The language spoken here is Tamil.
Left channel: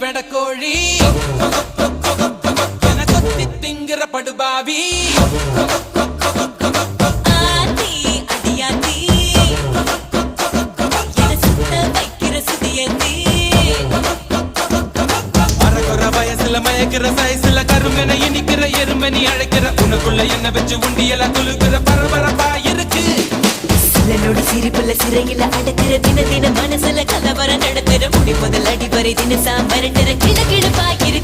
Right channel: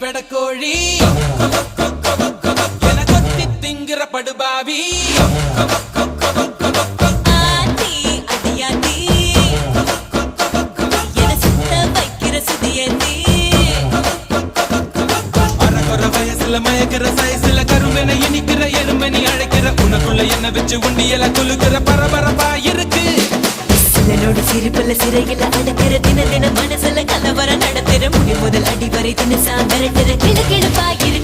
வெடக்கோழி என கொத்தி திங்கிற படுபாவி ஆத்தி அடியாத்தி என சுத்த வைக்கிற சுதியத்தி அறகுற வயசுல மயக்கிற சைஸ்ல கருமென இனிக்கிற எருமனி அழைக்கிற உனக்குள்ள என்ன வச்சு உண்டியல குலுக்கிற பரபரப்பா இருக்கு சிலனோட சிரிப்புல சிறையில அடக்கிற தின தின மனசுல கலவரம் நடத்துற முடி முதல் அடி வரை தினசா மிரட்டுற கிழக்கிழப்பாயிரு